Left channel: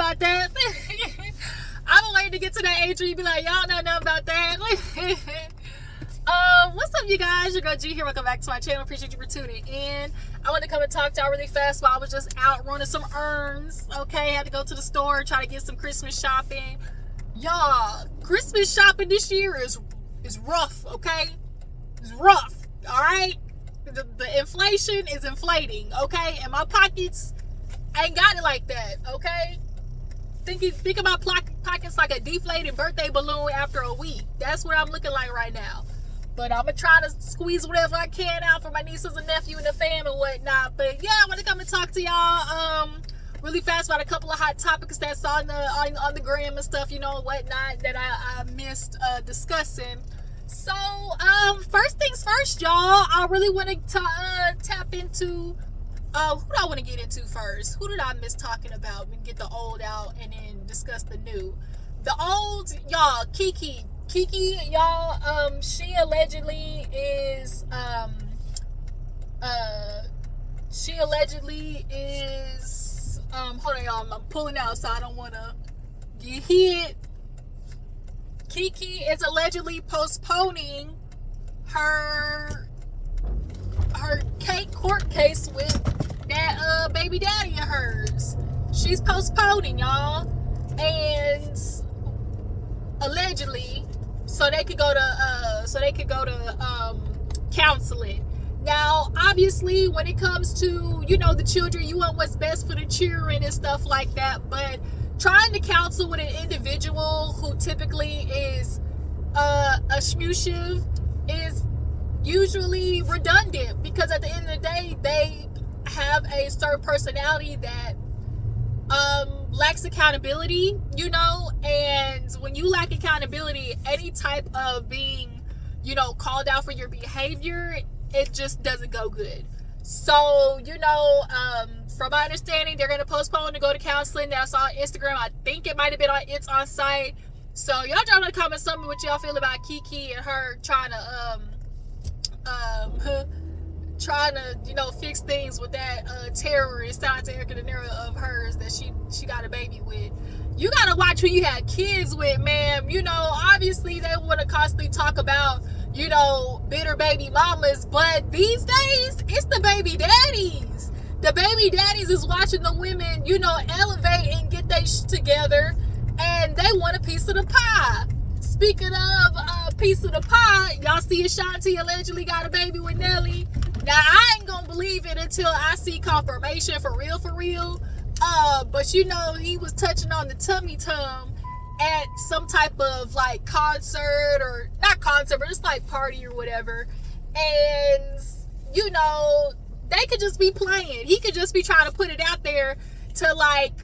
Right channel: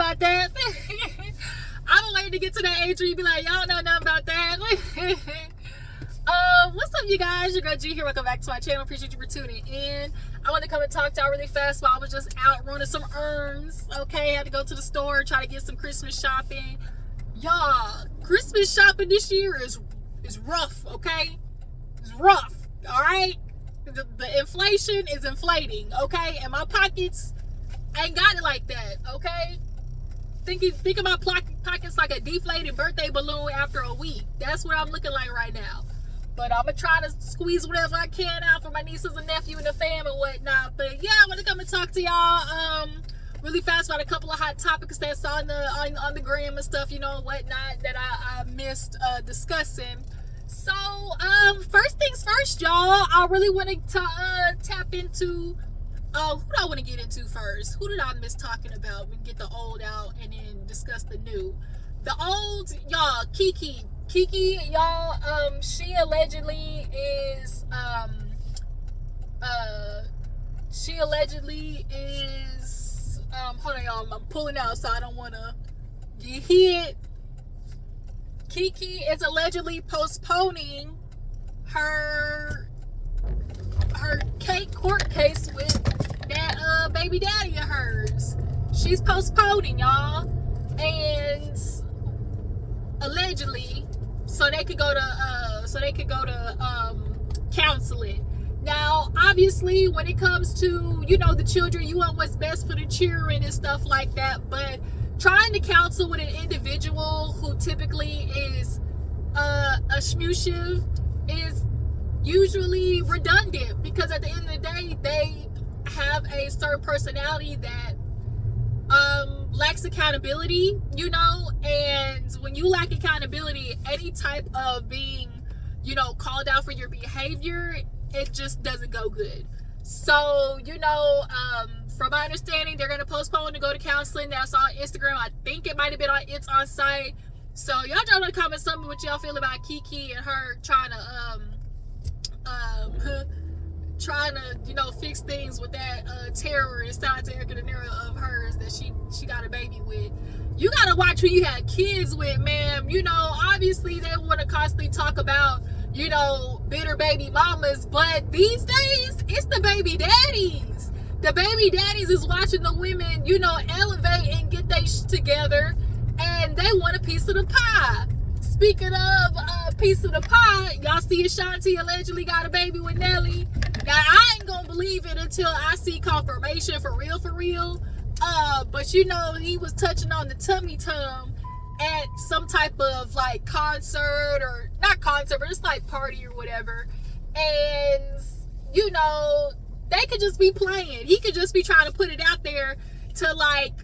about that. I'm waiting to get to that age where you be like, y'all know nothing about that. What's up, you guys? Your girl G here. Welcome back to my channel. Appreciate you for tuning in. I want to come and talk to y'all really fast while I was just out running some errands. Okay, had to go to the store and try to get some Christmas shopping. Y'all, Christmas shopping this year is rough. Okay, it's rough. All right, the inflation is inflating. Okay, and my pockets ain't got it like that. Okay, think of my pockets like a deflated birthday balloon after a week. That's what I'm looking like right now. But I'm gonna try to squeeze whatever I can out for my nieces and nephew and the fam and whatnot. But yeah, I want to come and talk to y'all really fast about a couple of hot topics that's on the gram and stuff, you know, whatnot, that I missed discussing. So first things first, y'all, I really want to tap into who do I want to get into first? Who did I miss talking about? We can get the old out and then discuss the new. The old, y'all, Kiki, y'all, she allegedly is hold on, y'all, I'm pulling out so I don't want to get hit. Kiki is allegedly postponing her court case with that baby daddy of hers. She's postponing, y'all, and allegedly so they could go to counseling. Now, obviously, when it comes to, you know, the children, you want what's best for the children and stuff like that, but trying to counsel with an individual who typically is a shmushiv is usually redundant, because at the end of the day, they have a certain personality that lacks accountability, you know, and when you lack accountability, any type of being, you know, called out for your behavior, it just doesn't go good. So, you know, from my understanding, they're going to postpone to go to counseling. That's on Instagram. I think it might have been on It's On Site. So y'all drop in the comments, tell me what y'all feel about Kiki and her trying to you know, fix things with that terrorist of hers that she got a baby with. You gotta watch who you have kids with, ma'am. You know, obviously they want to constantly talk about, you know, bitter baby mamas, but these days it's the baby daddies. The baby daddies is watching the women, you know, elevate and get their shit together, and they want a piece of the pie. Speaking of a piece of the pie, y'all see Ashanti allegedly got a baby with Nelly. Now, I ain't gonna believe it until I see confirmation for real. But you know, he was touching on the tummy tum at some type of like concert, or not concert, but it's like party or whatever. And you know, they could just be playing. He could just be trying to put it out there to like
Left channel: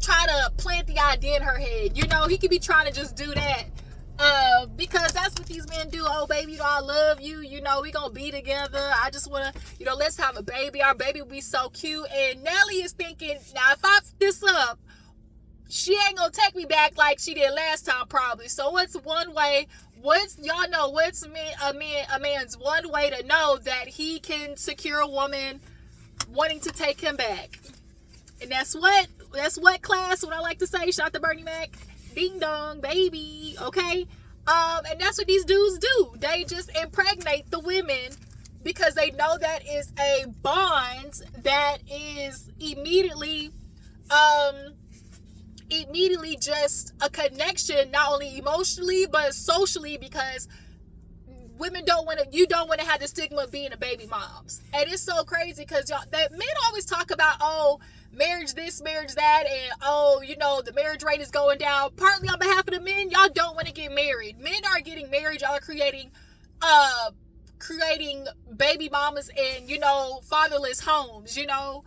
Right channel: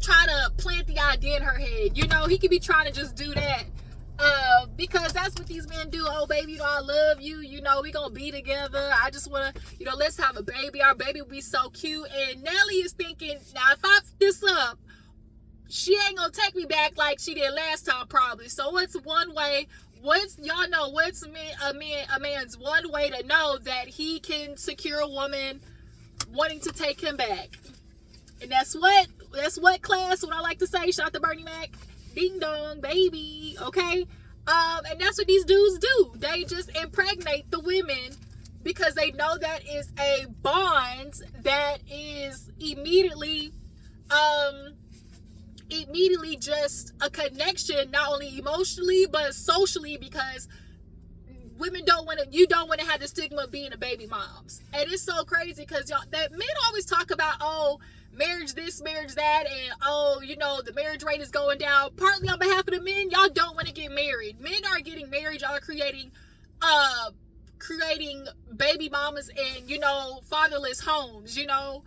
try to plant the idea in her head. You know, he could be trying to just do that. Because that's what these men do. Oh, baby, you know, I love you. You know, we gonna be together. I just wanna, you know, let's have a baby. Our baby will be so cute. And Nelly is thinking, now if I f this up, she ain't gonna take me back like she did last time, probably. So what's one way? Y'all know what's a man's one way to know that he can secure a woman wanting to take him back? And that's what class, what I like to say, shout out to Bernie Mac, ding dong, baby, okay? And that's what these dudes do. They just impregnate the women because they know that is a bond that is immediately just a connection, not only emotionally, but socially, because women you don't want to have the stigma of being a baby moms. And it's so crazy because y'all, that men always talk about, oh, marriage this, marriage that, and oh, you know, the marriage rate is going down. Partly on behalf of the men, y'all don't want to get married. Men are getting married, y'all are creating baby mamas and, you know, fatherless homes, you know.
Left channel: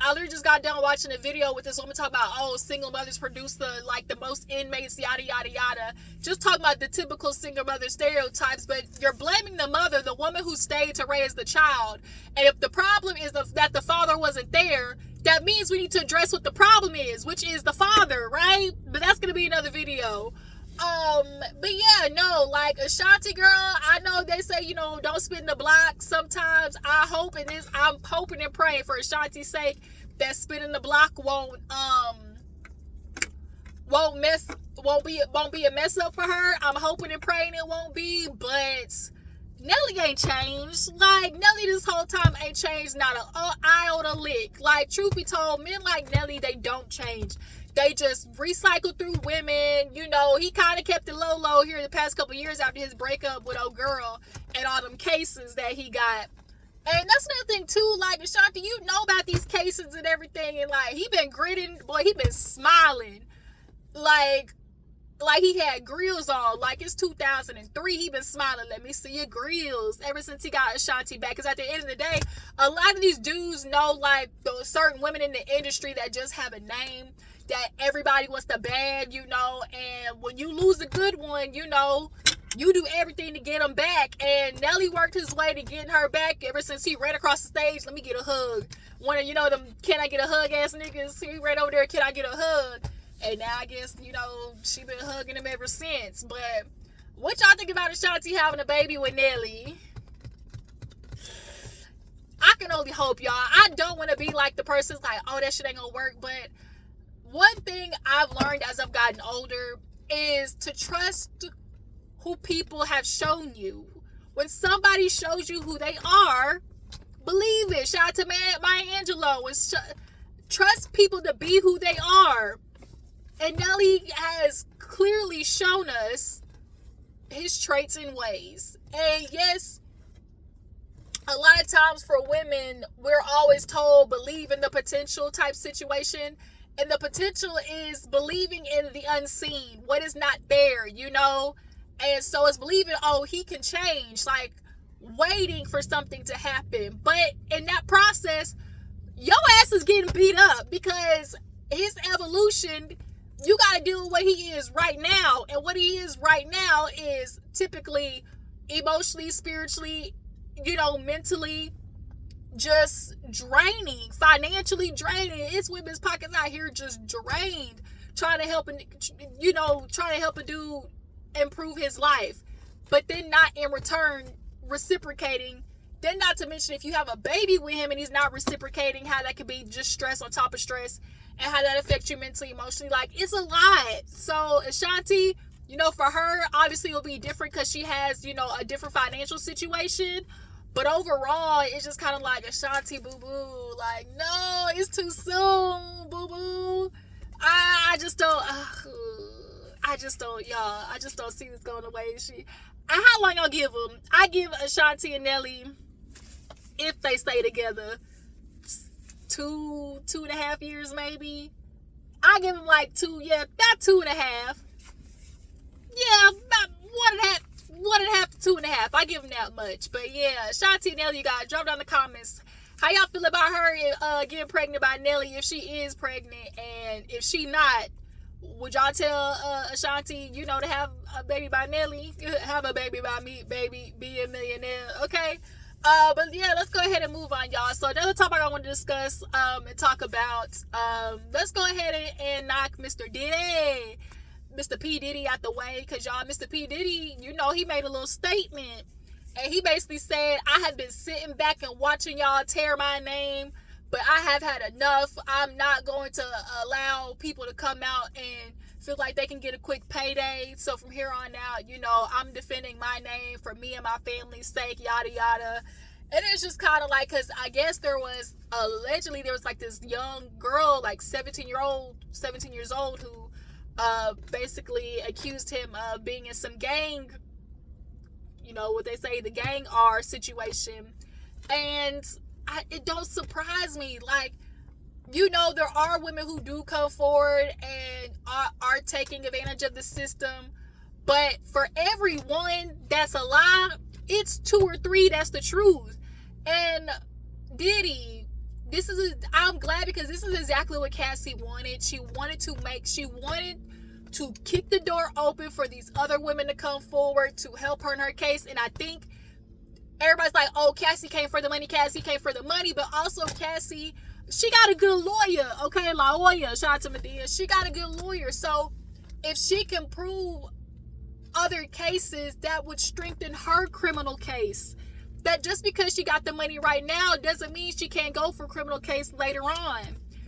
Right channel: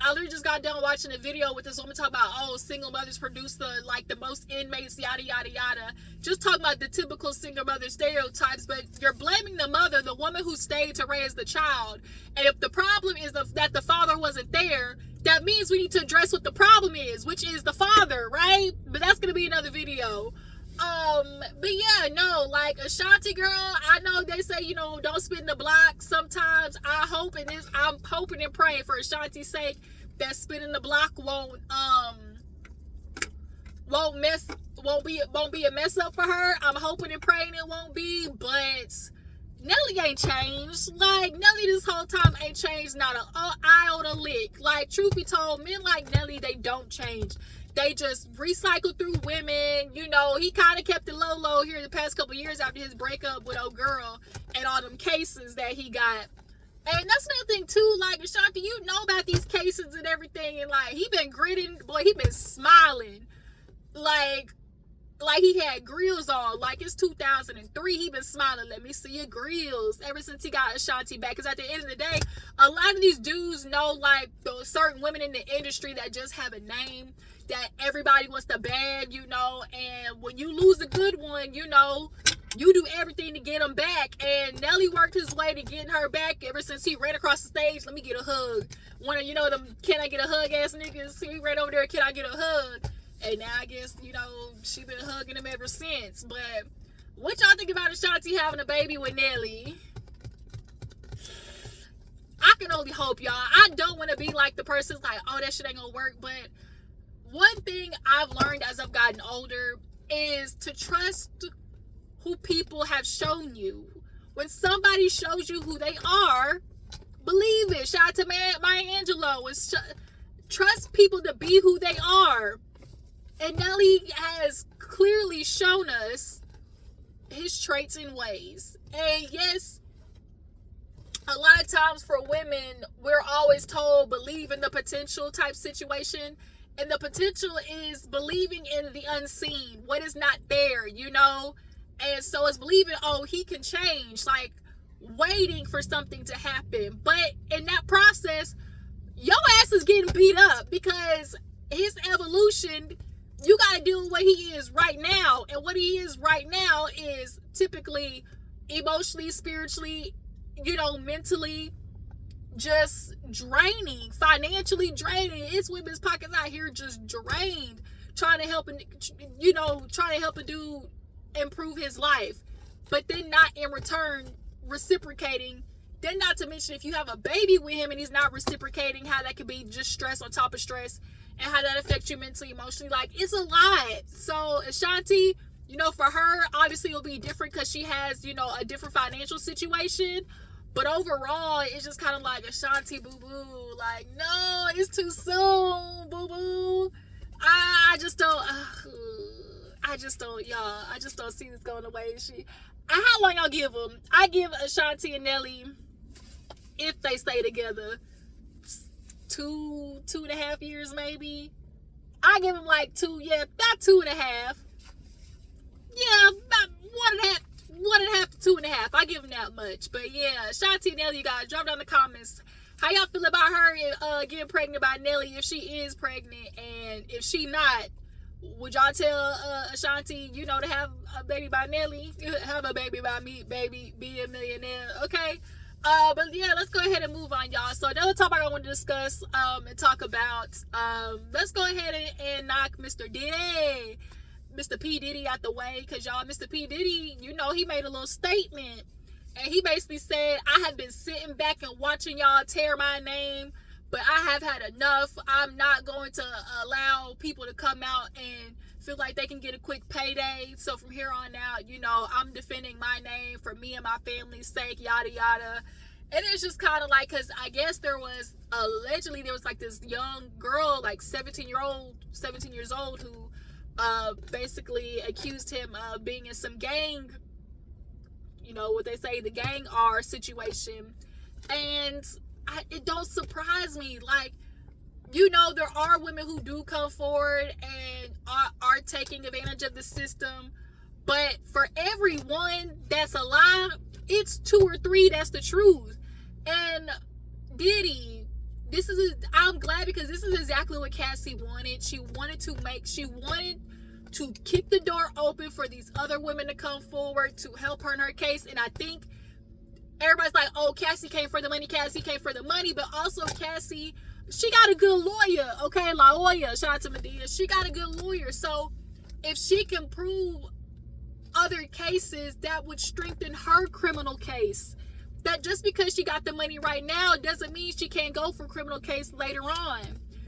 I literally just got done watching a video with this woman talking about, oh, single mothers produce the most inmates, yada yada yada. Just talking about the typical single mother stereotypes, but you're blaming the mother, the woman who stayed to raise the child. And if the problem is that the father wasn't there, that means we need to address what the problem is, which is the father, right? But that's gonna be another video. But yeah, no, like Ashanti girl, I know they say, you know, don't spin the block sometimes. I'm hoping and praying for Ashanti's sake that spinning the block won't be a mess up for her. I'm hoping and praying it won't be, but Nelly ain't changed. Like, Nelly this whole time ain't changed not an iota lick. Like, truth be told, men like Nelly, they don't change. They just recycle through women. You know, he kind of kept it low here the past couple years after his breakup with old girl and all them cases that he got. And that's another thing too, like, Ashanti, you know about these cases and everything, and like, he been grinning, boy, he been smiling. Like he had grills on, like it's 2003, he been smiling, let me see your grills, ever since he got Ashanti back. Because at the end of the day, a lot of these dudes know, like, those certain women in the industry that just have a name that everybody wants to bag, you know, and when you lose a good one, you know, you do everything to get them back. And Nelly worked his way to getting her back ever since he ran across the stage, let me get a hug. One of, you know, them can I get a hug ass niggas, he ran over there, can I get a hug? And now I guess, you know, she been hugging him ever since. But what y'all think about Ashanti having a baby with Nelly? I can only hope, y'all. I don't want to be like the person's like, oh, that shit ain't gonna work. But one thing I've learned as I've gotten older is to trust who people have shown you. When somebody shows you who they are, believe it. Shout out to Maya Angelou. Trust people to be who they are. And Nelly has clearly shown us his traits and ways. And yes, a lot of times for women, we're always told believe in the potential type situation. And the potential is believing in the unseen, what is not there, you know? And so it's believing, oh, he can change, like waiting for something to happen. But in that process, your ass is getting beat up because his evolution, you got to deal with what he is right now. And what he is right now is typically emotionally, spiritually, you know, mentally just draining, financially draining. It's women's pockets out here just drained, trying to help a dude improve his life, but then not in return reciprocating. Then not to mention, if you have a baby with him and he's not reciprocating, how that could be just stress on top of stress, and how that affects you mentally, emotionally. Like, it's a lot. So Ashanti, you know, for her, obviously it'll be different because she has, you know, a different financial situation. But overall, it's just kind of like, Ashanti, boo-boo. Like, no, it's too soon, boo-boo. I just don't see this going the way how long I'll give them? I give Ashanti and Nelly, if they stay together, 2.5 years maybe. I give them like about 2.5. Yeah, about 1.5 to 2.5. I give them that much. But yeah, Ashanti and Nelly, you guys, drop down in the comments how y'all feel about her getting pregnant by Nelly, if she is pregnant, and if she not. Would y'all tell Ashanti, you know, to have a baby by Nelly? Have a baby by me, baby, be a millionaire, okay? But yeah, let's go ahead and move on, y'all. So another topic I want to discuss and talk about, let's go ahead and knock Mr. Diddy, Mr. P. Diddy out the way, because y'all, Mr. P. Diddy, you know, he made a little statement, and he basically said, I have been sitting back and watching y'all tear my name, but I have had enough. I'm not going to allow people to come out and feel like they can get a quick payday. So from here on out, you know, I'm defending my name for me and my family's sake, yada, yada. And it's just kind of like, because I guess allegedly there was like this young girl, like 17 years old, who basically accused him of being in some gang, you know, what they say, the gang R situation. And it don't surprise me. Like, you know, there are women who do come forward and are taking advantage of the system, but for every one that's a lie, it's 2 or 3 that's the truth. And Diddy, I'm glad, because this is exactly what Cassie wanted. She wanted to kick the door open for these other women to come forward to help her in her case. And I think everybody's like, oh, Cassie came for the money, but also Cassie, she got a good lawyer, okay? La Hoya, shout out to Medea. She got a good lawyer. So if she can prove other cases, that would strengthen her criminal case. That just because she got the money right now doesn't mean she can't go for criminal case later on.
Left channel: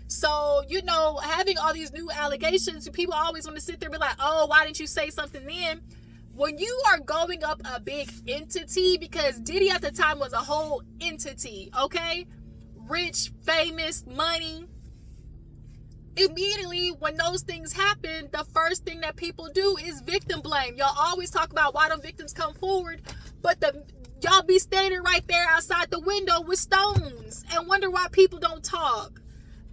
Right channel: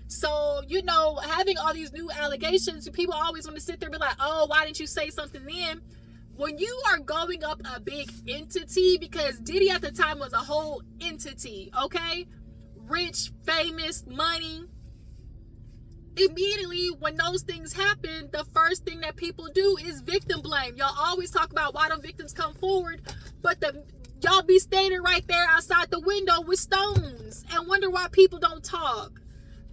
So, you know, having all these new allegations, people always want to sit there and be like, oh, why didn't you say something then? When you are going up a big entity, because Diddy at the time was a whole entity, okay? Rich, famous, money. Immediately when those things happen, the first thing that people do is victim blame. Y'all always talk about why don't victims come forward, but y'all be standing right there outside the window with stones and wonder why people don't talk.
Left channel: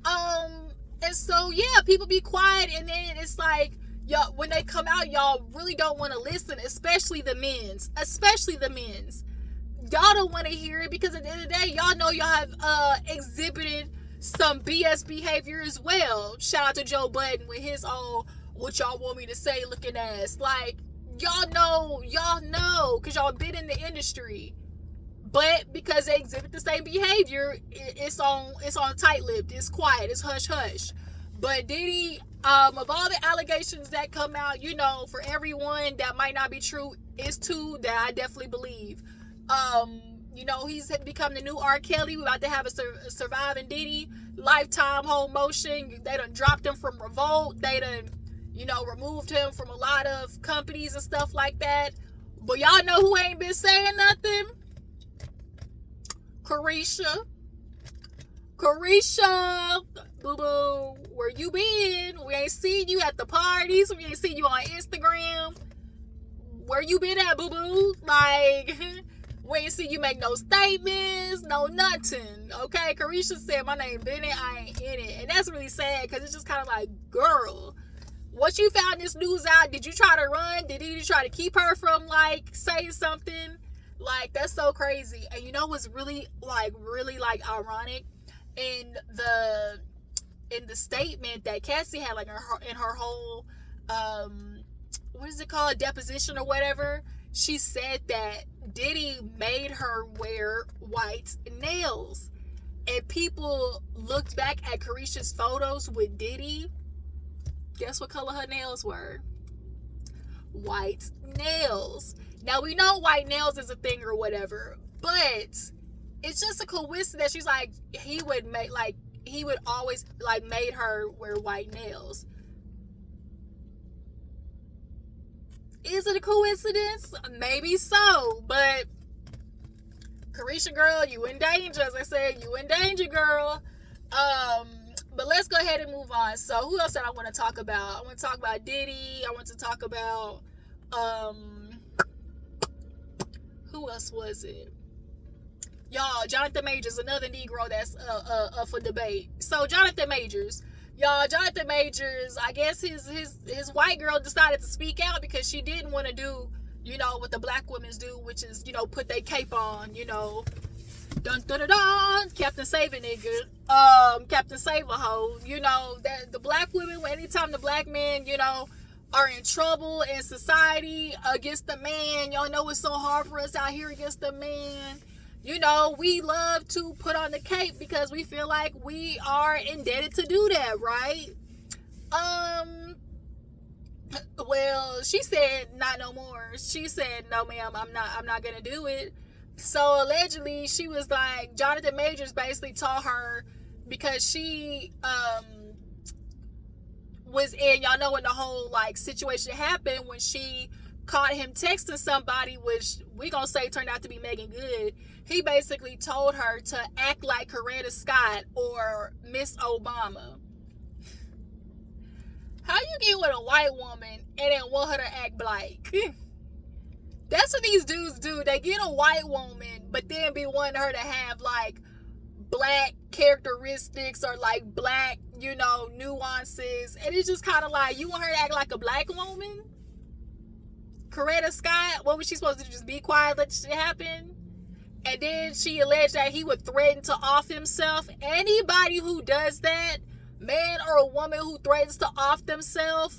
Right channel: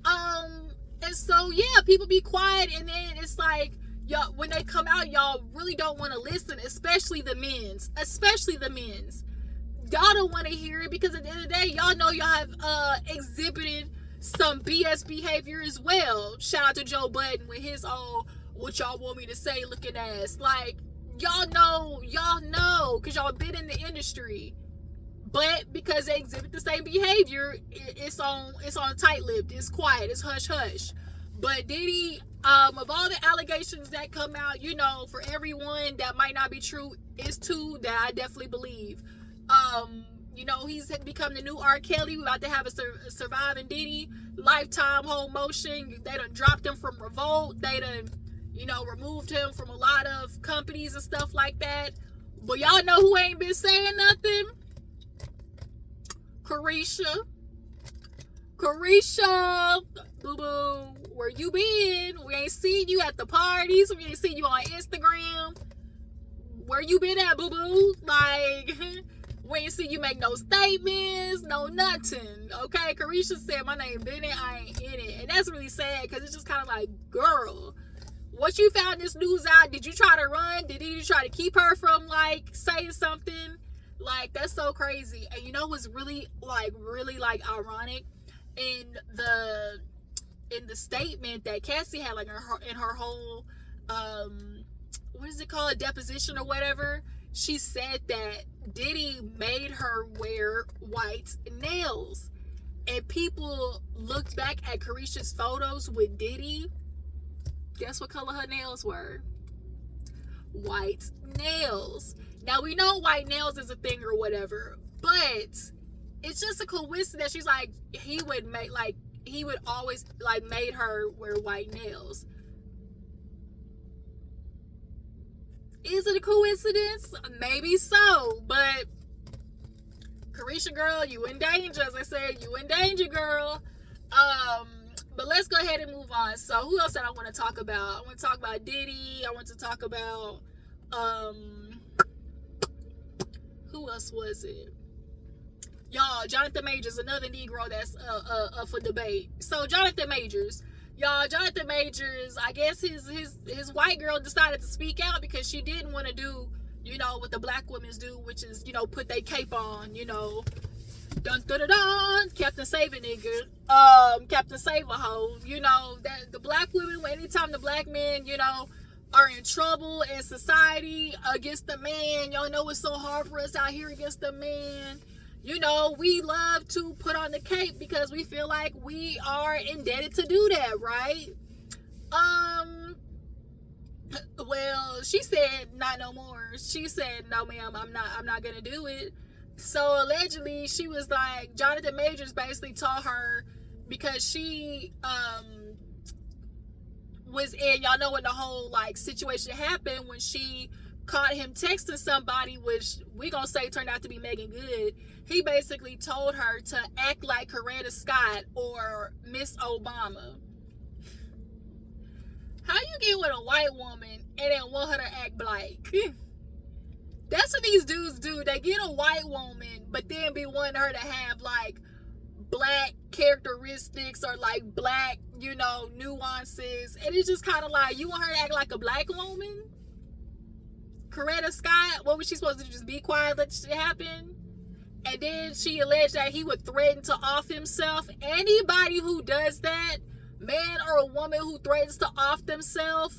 And so yeah, people be quiet, and then it's like, y'all, when they come out, y'all really don't want to listen, especially the men's. Y'all don't want to hear it because at the end of the day, y'all know y'all have exhibited some BS behavior as well. Shout out to Joe Budden with his own what y'all want me to say looking ass. Like, y'all know, because y'all been in the industry. But because they exhibit the same behavior, it's on tight-lipped, it's quiet, it's hush-hush. But Diddy, of all the allegations that come out, you know, for everyone that might not be true, is two that I definitely believe. You know, he's become the new R. Kelly. We're about to have a Surviving Diddy Lifetime whole motion. They done dropped him from Revolt. They done, you know, removed him from a lot of companies and stuff like that. But y'all know who ain't been saying nothing? Carisha, boo-boo, where you been? We ain't seen you at the parties. We ain't seen you on Instagram. Where you been at, boo-boo? Like, we ain't seen you make no statements, no nothing. Okay, Carisha said my name Bennett, I ain't in it. And that's really sad, because it's just kind of like, girl, once you found this news out, did you try to run? Did you try to keep her from, like, saying something? Like, that's so crazy. And you know what's really ironic? In the statement that Cassie had, like, in her whole what is it called, deposition or whatever, she said that Diddy made her wear white nails. And people looked back at Carisha's photos with Diddy. Guess what color her nails were? White nails. Now, we know white nails is a thing or whatever, but it's just a coincidence. She's like, he would always, like, made her wear white nails. Is it a coincidence? Maybe so, but Carisha, girl, you in danger. As I said, you in danger, girl. But let's go ahead and move on. So who else did I want to talk about? I want to talk about Diddy. I want to talk about who else was it? Y'all, Jonathan Majors, another Negro that's up for debate. So Jonathan Majors, I guess his white girl decided to speak out because she didn't want to do, you know, what the black women do, which is, you know, put their cape on, you know, dun dun dun dun, Captain Save a nigga, Captain Save a hoe, you know, that the black women, anytime the black men, you know, are in trouble in society against the man, y'all know it's so hard for us out here against the man. You know, we love to put on the cape because we feel like we are indebted to do that, right? Well, she said not no more. She said, no ma'am, I'm not gonna do it. So allegedly she was like, Jonathan Majors basically told her, because she was in, y'all know when the whole like situation happened, when she caught him texting somebody, which we gonna say turned out to be Megan Good. He basically told her to act like Coretta Scott or Miss Obama. How you get with a white woman and then want her to act black? That's what these dudes do. They get a white woman, but then be wanting her to have like black characteristics or like black, you know, nuances. And it's just kind of like, you want her to act like a black woman? Coretta Scott, what was she supposed to do? Just be quiet, let shit happen? And then she alleged that he would threaten to off himself. Anybody who does that, man or a woman who threatens to off themselves,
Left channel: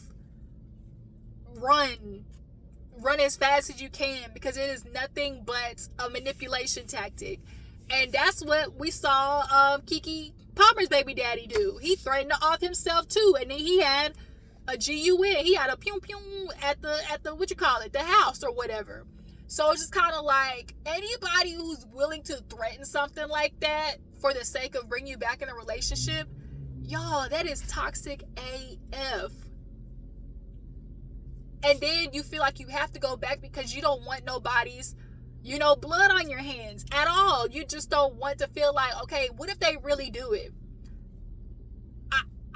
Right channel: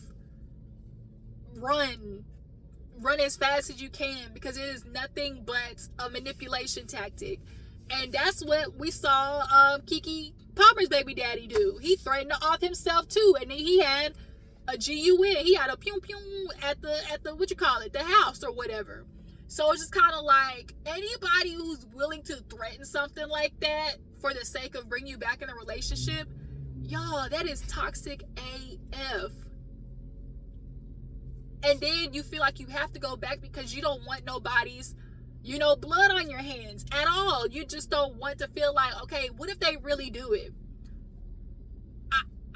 run as fast as you can, because it is nothing but a manipulation tactic. And that's what we saw Kiki Palmer's baby daddy do. He threatened to off himself too, and then he had a GUN. He had a pew pew at the what you call it, the house or whatever. So it's just kind of like, anybody who's willing to threaten something like that for the sake of bringing you back in a relationship, Y'all, that is toxic AF. And then you feel like you have to go back because you don't want nobody's, blood on your hands at all. You just don't want to feel like, okay, what if they really do it?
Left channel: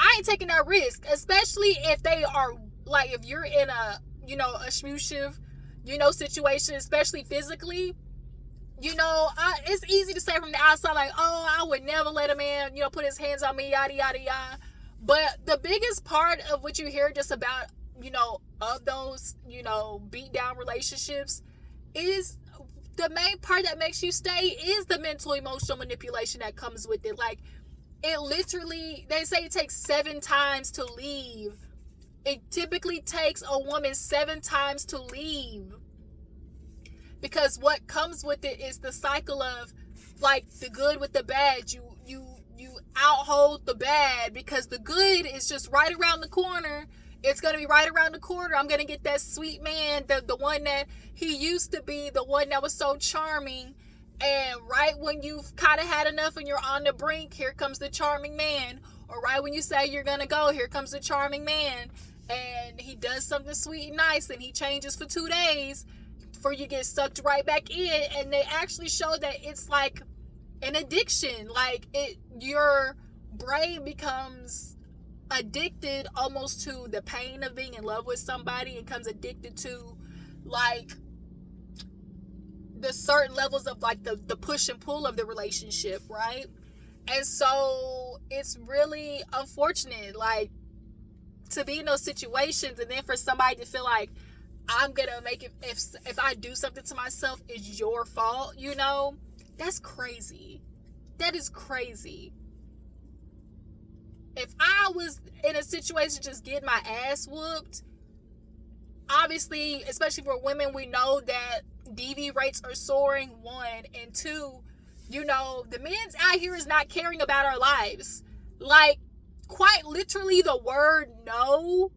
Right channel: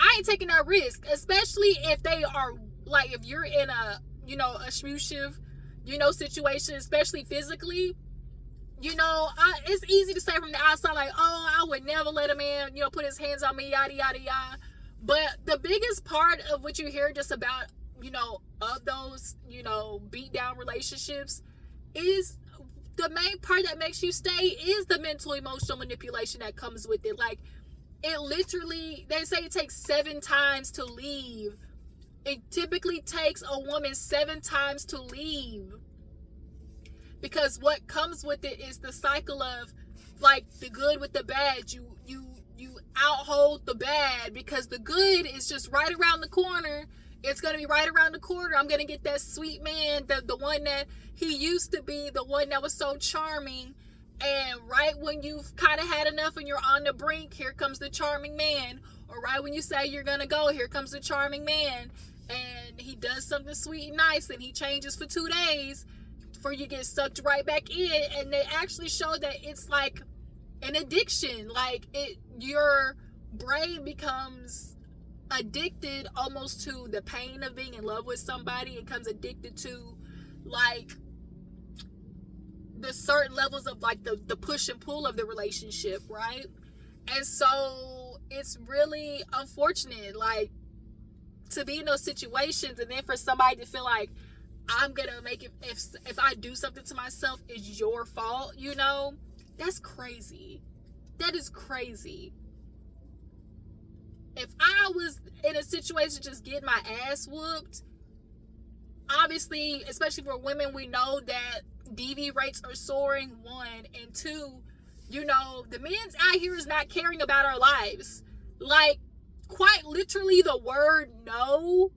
I ain't taking that risk, especially if they are, like, if you're in a, abusive, situation, especially physically. It's easy to say from the outside, like, oh, I would never let a man, put his hands on me, yada, yada, yada. But the biggest part of what you hear just about, of those, beat down relationships is the main part that makes you stay is the mental emotional manipulation that comes with it. Like, it literally, they say it takes 7 times to leave. It typically takes a woman 7 times to leave. Because what comes with it is the cycle of, like, the good with the bad. You outhold the bad because the good is just right around the corner. It's going to be right around the corner. I'm going to get that sweet man, the one that he used to be, the one that was so charming. And right when you've kind of had enough and you're on the brink, here comes the charming man. Or right when you say you're going to go, here comes the charming man. And he does something sweet and nice and he changes for 2 days before you get sucked right back in. And they actually show that it's like an addiction. Like, your brain becomes addicted almost to the pain of being in love with somebody. It becomes addicted to, like, the certain levels of, like, the push and pull of the relationship, right? And so it's really unfortunate, like, to be in those situations and then for somebody to feel like, I'm gonna make it, if I do something to myself, it's your fault, that's crazy. That is crazy. If I was in a situation just getting my ass whooped, obviously, especially for women, we know that DV rates are soaring, 1, and 2, the men's out here is not caring about our lives. Like, quite literally, the word no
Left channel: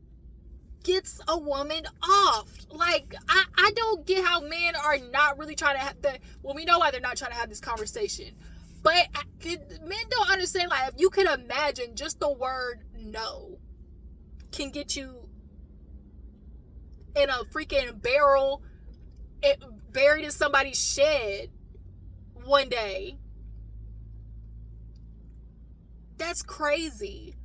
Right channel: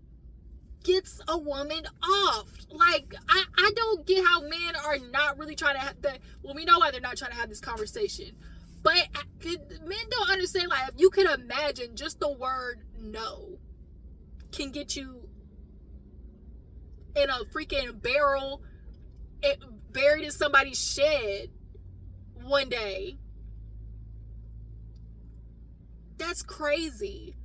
gets a woman off. Like, I don't get how men are not really trying to have we know why they're not trying to have this conversation. But men don't understand, like, if you could imagine just the word no can get you in a freaking barrel, buried in somebody's shed one day. That's crazy.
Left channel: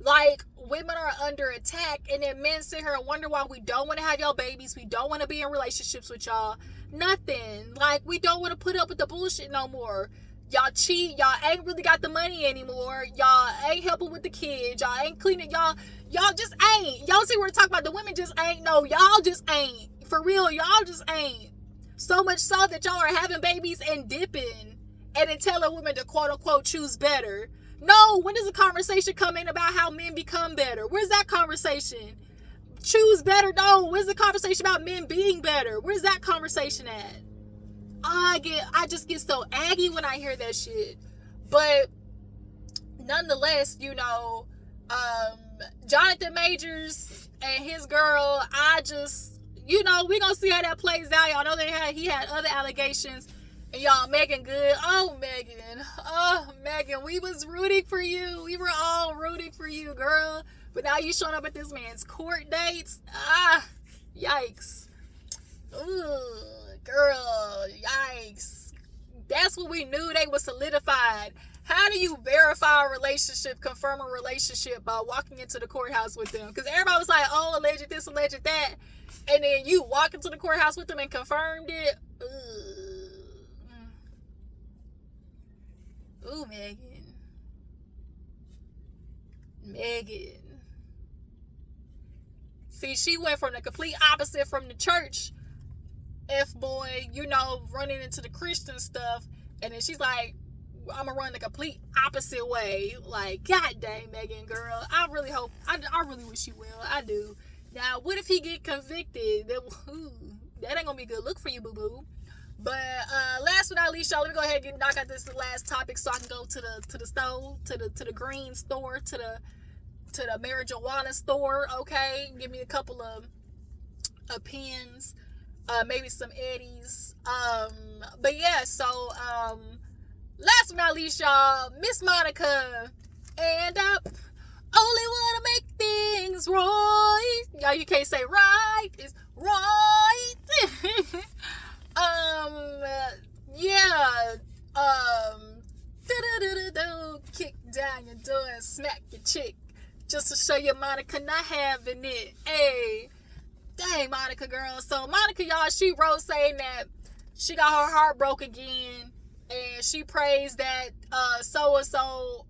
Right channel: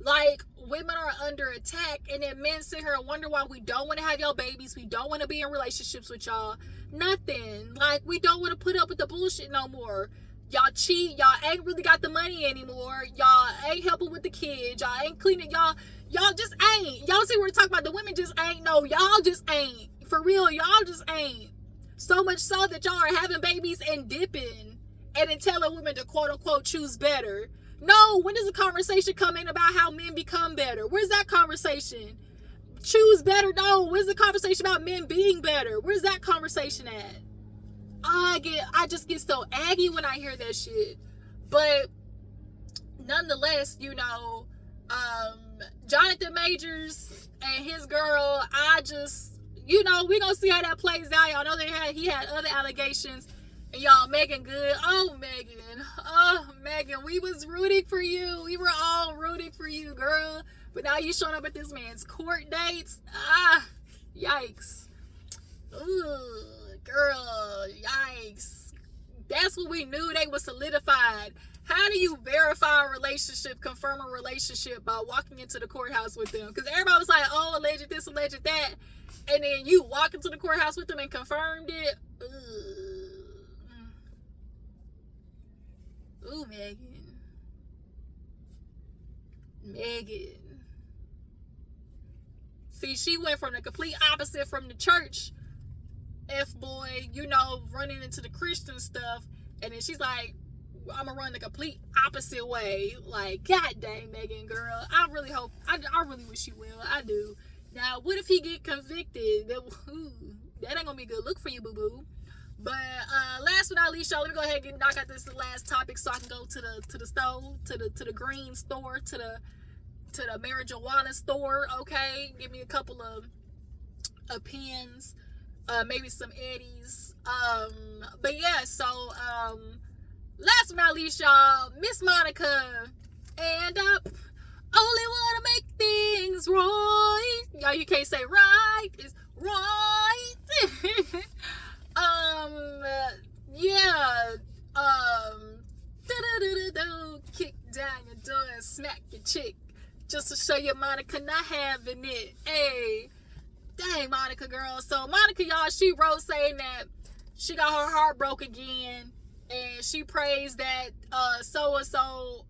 Like, women are under attack, and then men sit here and wonder why we don't want to have y'all babies. We don't want to be in relationships with y'all. Nothing. Like, we don't want to put up with the bullshit no more. Y'all cheat. Y'all ain't really got the money anymore. Y'all ain't helping with the kids. Y'all ain't cleaning. Y'all just ain't. Y'all see what we're talking about? The women just ain't. No, y'all just ain't. For real, y'all just ain't. So much so that y'all are having babies and dipping and then telling women to quote unquote choose better. No, when does a conversation come in about how men become better? Where's that conversation? Choose better? No. Where's the conversation about men being better? Where's that conversation at? I just get so aggy when I hear that shit. But nonetheless, Jonathan Majors and his girl, we gonna see how that plays out. Y'all know he had other allegations. And y'all, Megan Good. Oh, Megan, we was rooting for you. We were all rooting for you, girl. But now you showing up at this man's court dates. Yikes. Ooh, girl, yikes. That's what we knew they were solidified. How do you verify a relationship, confirm a relationship by walking into the courthouse with them? Because everybody was like, oh, alleged this, alleged that. And then you walk into the courthouse with them and confirmed it. Ooh, Megan. See, she went from the complete opposite from the church F-boy, running into the Christian stuff. And then she's like, I'm gonna run the complete opposite way. Like, god dang, Megan, girl. I really hope, I really wish you will. I do. Now, what if he get convicted? That ain't gonna be a good look for you, boo-boo. But last but not least, y'all, let me go ahead and knock out this last topic so I can go to the stove, to the green store, to the marijuana store. Okay, give me a couple of pens, maybe some eddies. But yeah, so last but not least, y'all, Miss Monica and Only wanna make things right. Y'all, you can't say right. It's right. Yeah. Kick down your door and smack your chick just to show you Monica not having it. Hey, dang, Monica girl. So Monica, y'all, she wrote saying that she got her heart broke again, and she prays that so and so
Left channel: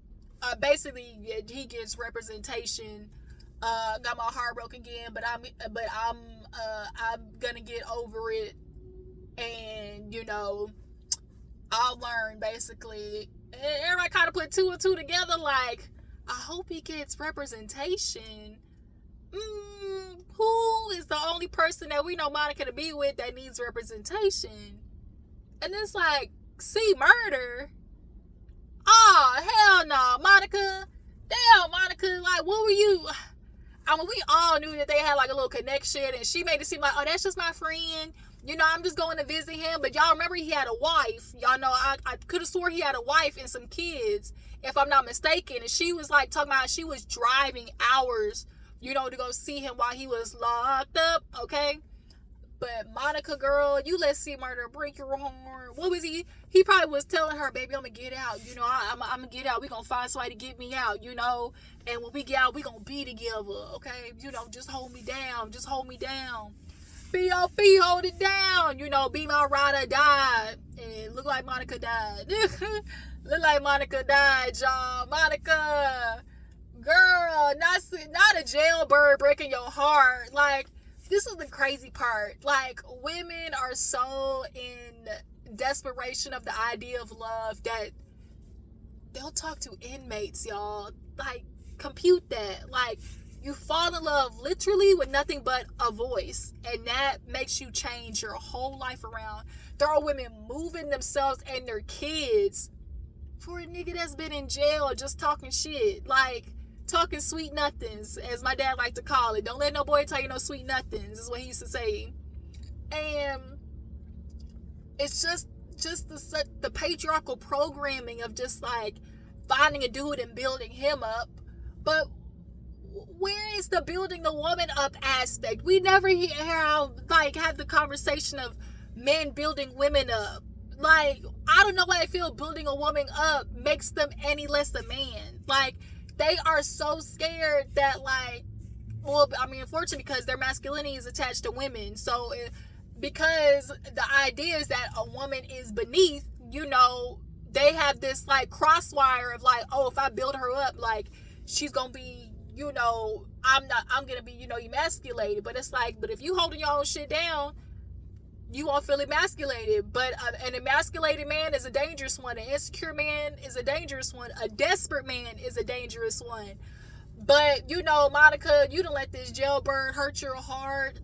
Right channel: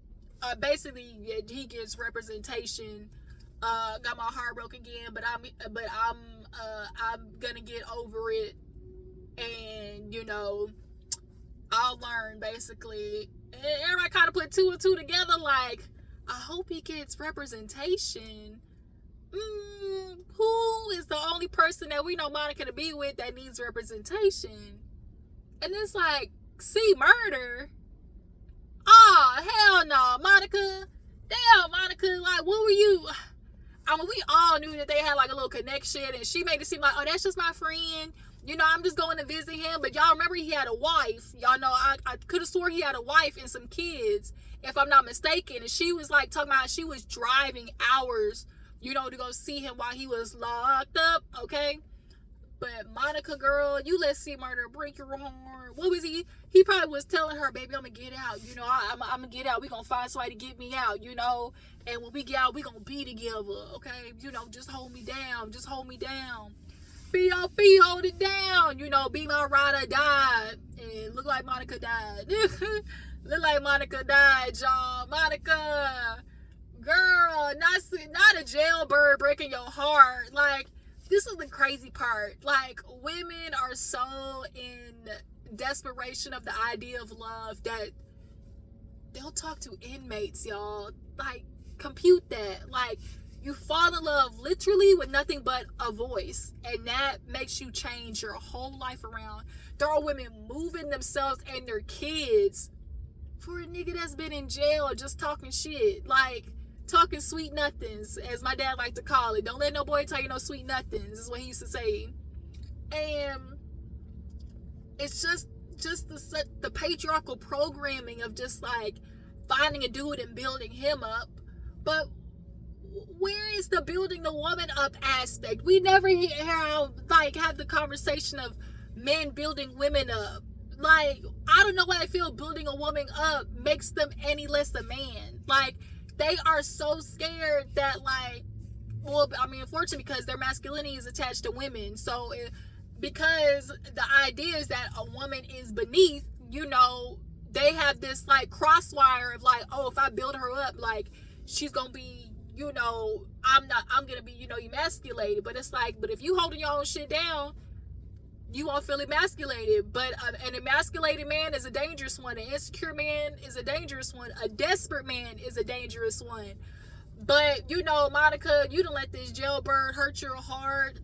basically he gets representation. Got my heart broke again, but I'm gonna get over it, and I'll learn basically. And everybody kind of put two and two together, like, I hope he gets representation. Who is the only person that we know Monica to be with that needs representation? And it's like, see, murder. Oh, hell no, Monica. Damn, Monica, like, what were you? I mean, we all knew that they had like a little connection, and she made it seem like, oh, that's just my friend. I'm just going to visit him. But y'all remember he had a wife. Y'all know I could have swore he had a wife and some kids, if I'm not mistaken. And she was like talking about she was driving hours, to go see him while he was locked up, okay? But Monica, girl, you let C Murder break your heart. What was he? He probably was telling her, baby, I'm going to get out. I'm going to get out. We're going to find somebody to get me out, And when we get out, we're going to be together, okay? Just hold me down. Just hold me down. B.O.B. hold it down. Be my ride or die. And look like Monica died. Look like Monica died, y'all. Monica, girl, not a jailbird breaking your heart. Like, this is the crazy part. Like, women are so in desperation of the idea of love that they'll talk to inmates, y'all. Like, compute that. Like, you fall in love literally with nothing but a voice, and that makes you change your whole life around. There are women moving themselves and their kids for a nigga that's been in jail just talking shit, like talking sweet nothings, as my dad liked to call it. Don't let no boy tell you no sweet nothings, is what he used to say. And it's just the patriarchal programming of just like finding a dude and building him up. But where is the building the woman up aspect? We never have the conversation of men building women up. Like, I don't know why I feel building a woman up makes them any less a man. Like, they are so scared that, like, well, I mean, unfortunately, because their masculinity is attached to women. So because the idea is that a woman is beneath, they have this like crosswire of like, oh, if I build her up, like, she's gonna be, I'm gonna be, emasculated. But it's like, but if you holding your own shit down, you won't feel emasculated. But an emasculated man is a dangerous one. An insecure man is a dangerous one. A desperate man is a dangerous one. But, Monica, you done let this jailbird hurt your heart.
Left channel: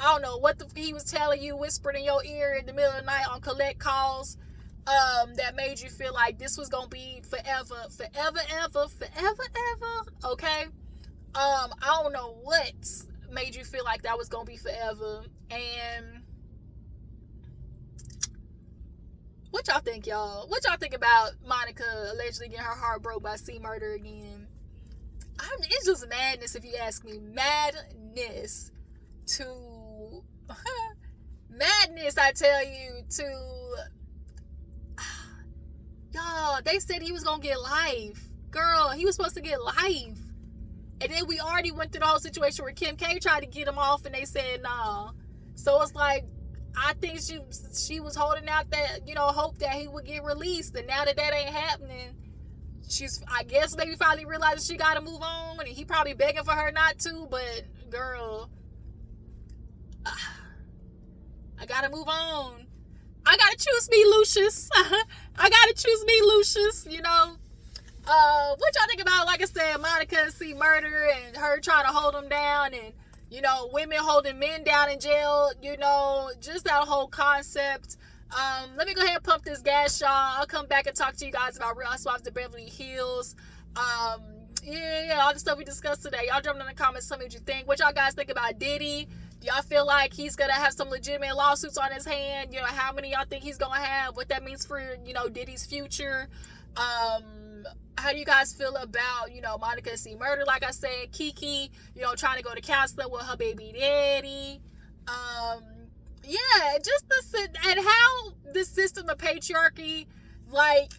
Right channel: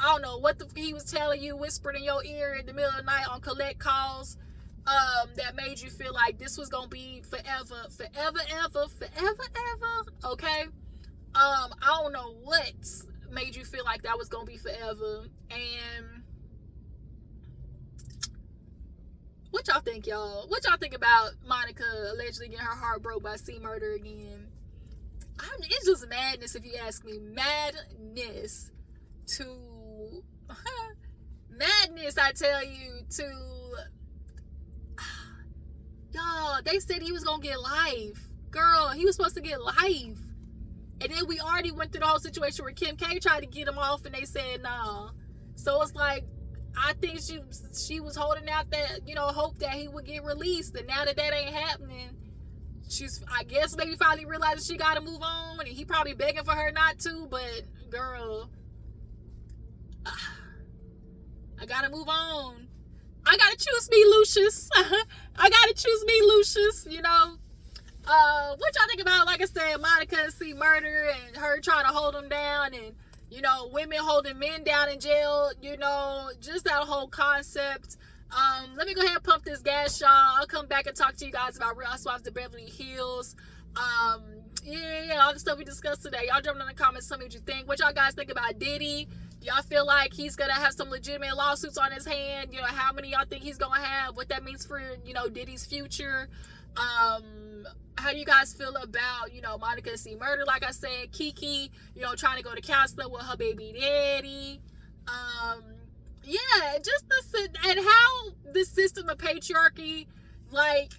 I don't know what he was telling you, whispered in your ear in the middle of the night on collect calls, that made you feel like this was gonna be forever, okay? I don't know what made you feel like that was gonna be forever. And what y'all think, y'all? What y'all think about Monica allegedly getting her heart broke by C Murder again? It's just madness, if you ask me. Madness, I tell you, y'all, they said he was gonna get life. Girl, he was supposed to get life. And then we already went through the whole situation where Kim K tried to get him off and they said nah. So it's like, I think she was holding out that, hope that he would get released. And now that ain't happening, she's, I guess, maybe finally realizing she gotta move on. And he probably begging for her not to, but girl, I gotta move on. I gotta choose me, Lucius. I gotta choose me, Lucius, what y'all think about, like I said, Monica and C Murder and her trying to hold him down, and women holding men down in jail, just that whole concept. Let me go ahead and pump this gas, y'all. I'll come back and talk to you guys about Real Housewives of Beverly Hills. All the stuff we discussed today. Y'all jump in the comments, tell me what you think. What y'all guys think about Diddy? Do y'all feel like he's gonna have some legitimate lawsuits on his hand? How many y'all think he's gonna have? What that means for, Diddy's future? How do you guys feel about, Monica C. Murder? Like I said, Kiki, trying to go to counseling with her baby daddy. Yeah, just and how the system of patriarchy, like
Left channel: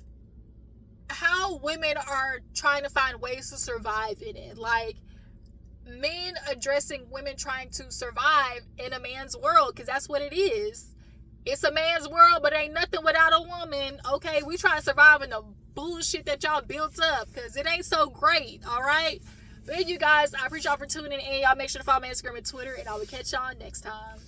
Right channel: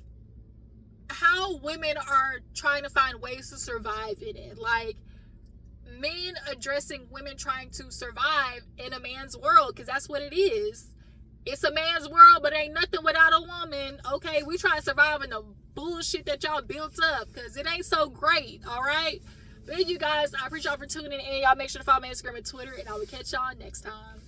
how women are trying to find ways to survive in it. Like men addressing women trying to survive in a man's world, because that's what it is. It's a man's world, but ain't nothing without a woman. Okay, we try to survive in the bullshit that y'all built up, because it ain't so great. All right, but you guys, I appreciate y'all for tuning in. Y'all make sure to follow me on Instagram and Twitter, and I will catch y'all next time.